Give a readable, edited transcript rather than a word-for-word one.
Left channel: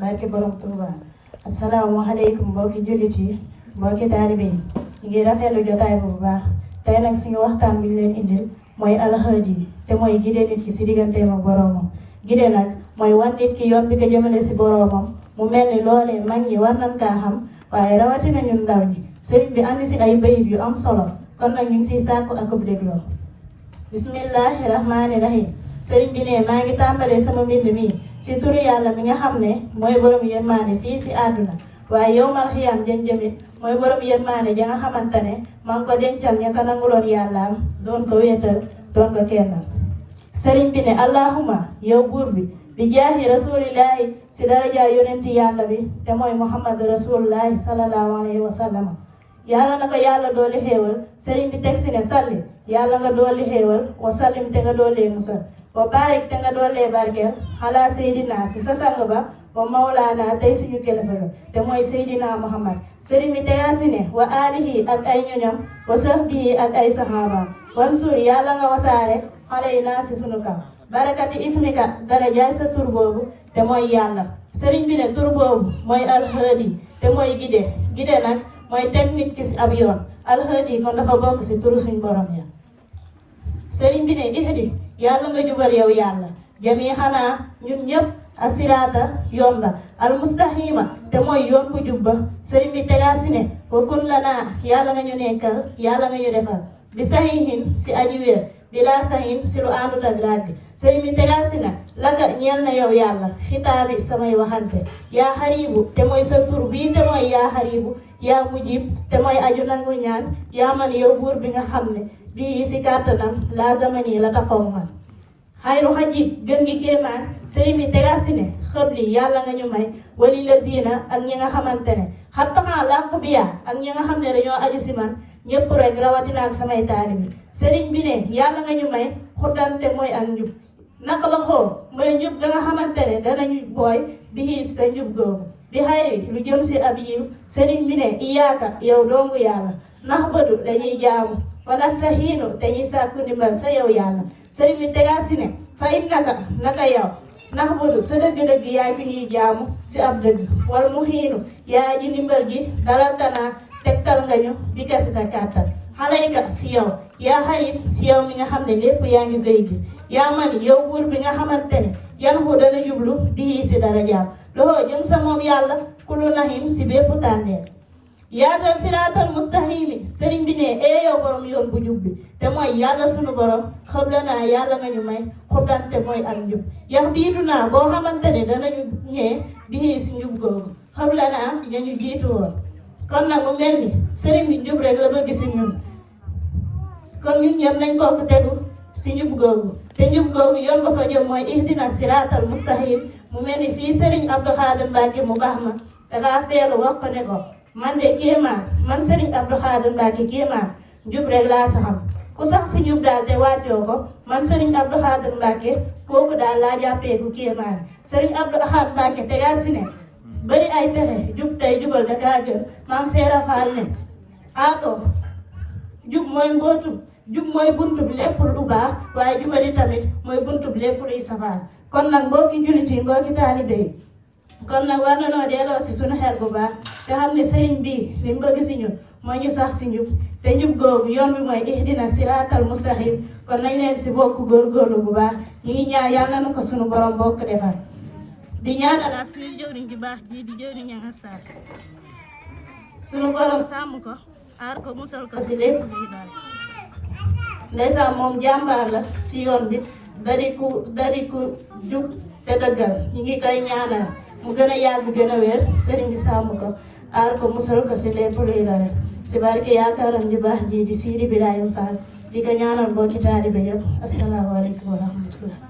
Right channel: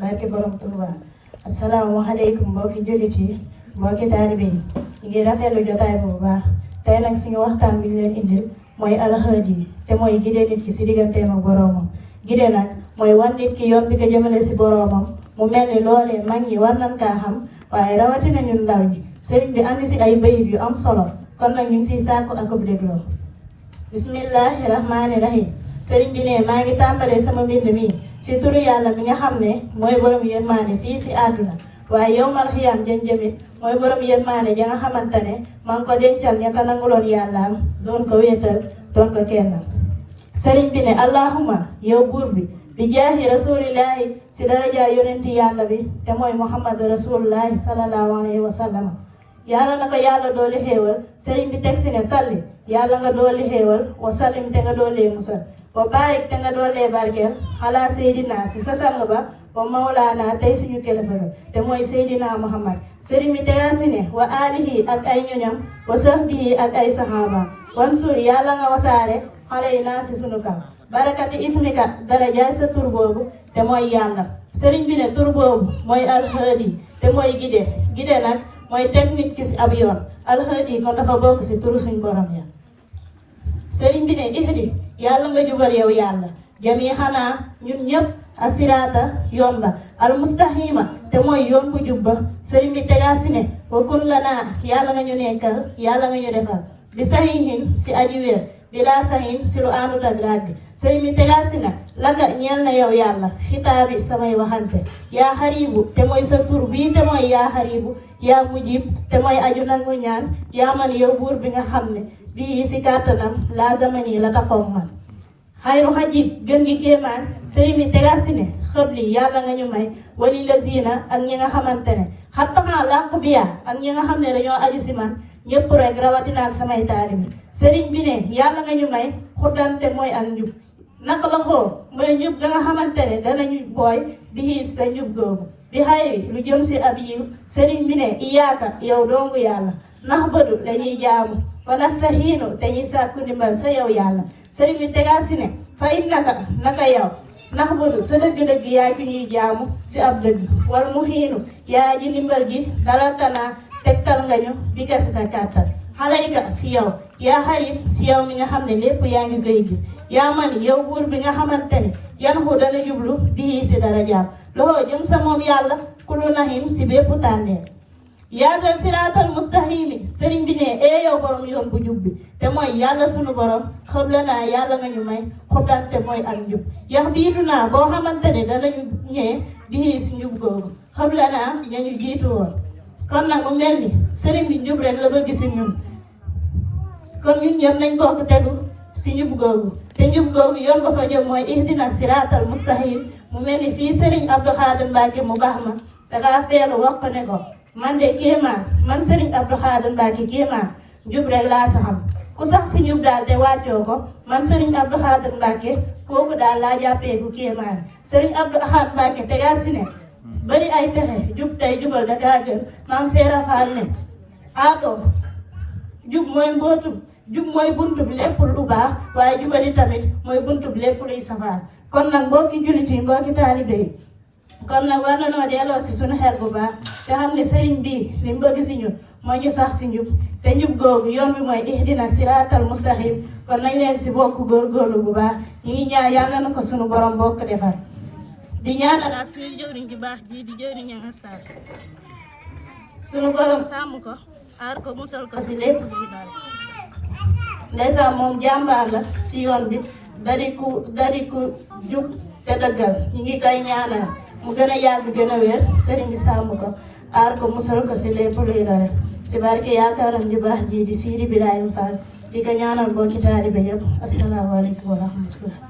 barke borom Touba. Asalaamaaleykum mbokki jullit yi mbokki taalibe yi ñu ngi rafetlu jotaay bu baax tey nag suñu waxtaan bi ñu leen indil mooy alxaadi te mooy gide nit ki si digganteem ak boroomam. Gide nag mooy wan nit ki yoon bi ko jëmale si boroomam mu mel ni loolee mag ñi war nañ kaa xam waaye rawatina ñun ndaw ñi sëriñ bi andi si ay bayit yu am solo kon nag ñu ngi siy sàkku ak ub dégloo. Bismillahi rahmaani rahim. Sëriñ bi ne maa ngi tàmbalee sama mbind mi si turu yàlla mi nga xam ne mooy borom yërmaande fii si àdduna waaye yow mal xiyam jëmit mooy borom yërmaande ja nga xamante ne maa ngi ko dencal ña ko nanguloon yàllaam doon ko wéetal doon ko kennal. Sëriñ bi ne allahuma yow buur bi jaahi rasulillahi si daraja yonenti yàlla bi te mooy muhammad rasulillahi sallallahu alayhi wa sallam. yàlla na ko yàlla dooli xéewal sëriñ bi teg si ne salli yàlla nga dooli xéewal wa sallim te nga doolee musal wa baarik te nga doolee barkeel ala seydina si sa sang ba wa mawlaana tey suñu kilifa ba te mooy seydina muhammad. sëriñ bi tegaa si ne wa aalihi ak ay ñoñam wa sahbihi ak ay sahaaba wan suur yàlla nga wasaare xale yi naa si sunu kaw barakati ismika darajaay sa tur boobu te mooy yàlla. sëriñ bi ne tur boobu mooy alxaadi te mooy gide nag mooy teg nit ki si ab yoon alxaadi kon dafa bokk si turu suñu borom ya. sëriñ bi ne ihdi yàlla nga jubal yow yàlla jami xanaa ñun ñëpp asiraata yoon ba almustahima te mooy yoon bu jubba. sëriñ bi tegaa si ne wa kun lanaa yàlla nga ñu nekkal yàlla nga ñu defal bi sahihin si aji wér bi laa sahin si lu àndut ak ràgg. sëriñ bi tegaa si ne laga ñeel na yow yàlla xitaabi samay waxante yaa xaribu te mooy sa tur bii te mooy yaa xaribu yaa mujib te mooy aju nangu ñaan yaa man yow buur bi nga xam ne bii si kàttanam laa zamani la taxaw man. xayru xajib gën gi kéemaan sëriñ bi tegaa si ne xëbli yàlla nga ñu may wali la ziina ak ñi nga xamante ne xattaxaa lànk biya ak ñi nga xam ne dañoo aju si man ñëpp rek rawatina ak samay taalibi. sëriñ bi ne yàlla nga ñu may xuddante mooy ak njub naka la xoo mooy njub ga nga xamante ne danañu booy bi sa njub googu bi xayri lu jëm si ab yiw. sëriñ bi ne iyaaka yow dongu yàlla nax bëdu dañuy jaamu wala sahiinu dañuy sàkku ndimbal sa yow yàlla. sëriñ bi tegaa si ne fa in naka yow nax bëdu sa dëgg-dëgg yaay bi ñuy jaamu si ab dëgg wal mu xiinu yaay ji ndimbal gi dalal tanaa tegtal nga ñu bi ka si sa kàttal xalayka si yow yaa xarit si yow mi nga xam ne lépp yaa ngi koy gis yaa man yow buur bi nga xamante ne yan xu dana jublu bii si dara jaam loxoo jëm sa moom yàlla kulu nahim si bépp tànneer. yaa sal siraatal mustahimi sëriñ bi ne ee yow borom yoon bu jub bi te mooy yàlla sunu borom xëbla naa yàlla nga ñu may xubdante mooy ak njub yax biitu naa boo xamante ne danañu ñee bii si njub googu xëbla naa ñañu jiitu woon. kon nag mu mel ni sëriñ bi njub rek la bëgg si ñun kon ñun ñëpp nañ bokk tegu si njub googu te njub googu yoon ba fa jëm mooy ihdina siraatal mustahim. mu mel ni fii sëriñ Abdou Khadir Mbacke mu baax ma dangaa feelu wax ko ne ko man de kéemaan man sëriñ Abdou Khadir Mbacke kéemaan njub rek laa sa xam ku sax si njub daal te wàccoo ko man sëriñ Abdou Khadir Mbacke kooku daal laa jàppee ku kéemaan. sëriñ Abdou Khadir Mbacke te yaa si ne bari ay pexe jub tey jubal da kaa gën maam seera faal ne ako jub mooy mbootu jub mooy buntu bi lépp lu baax waaye jubali tamit mooy buntu bi lépp luy safaan. kon nag mbokki jullit yi mbokki taalibe yi kon nag war na noo delloo si suñu xel bu baax te xam ne sëriñ bii li mu bëgg si ñun mooy ñu sax si njub te njub googu yoon bi mooy ihdina siraatal mustaqim. kon nañ leen si bokk góorgóorlu bu baax ñu ngi ñaan yàlla na ko suñu borom bokk defar di ñaanalaat suñu jëwriñ di baax ji di jëwriñ ñaa saar suñu borom sàmm ko aar ko musal ko si lépp luy dal. ndeysaan moom jàmbaar la si yoon bi dari ku jub te dëggal ñu ngi koy ñaanal mu gën a yàgg gën a wér sëriñ bi sàmm ko aar ko musal ko si lépp luy dal si barke yaakaaram di baax ji di Sidi Birahim Fall di ko ñaanal mbokki taalibe yëpp asalaamaaleykum wa rahmatullah.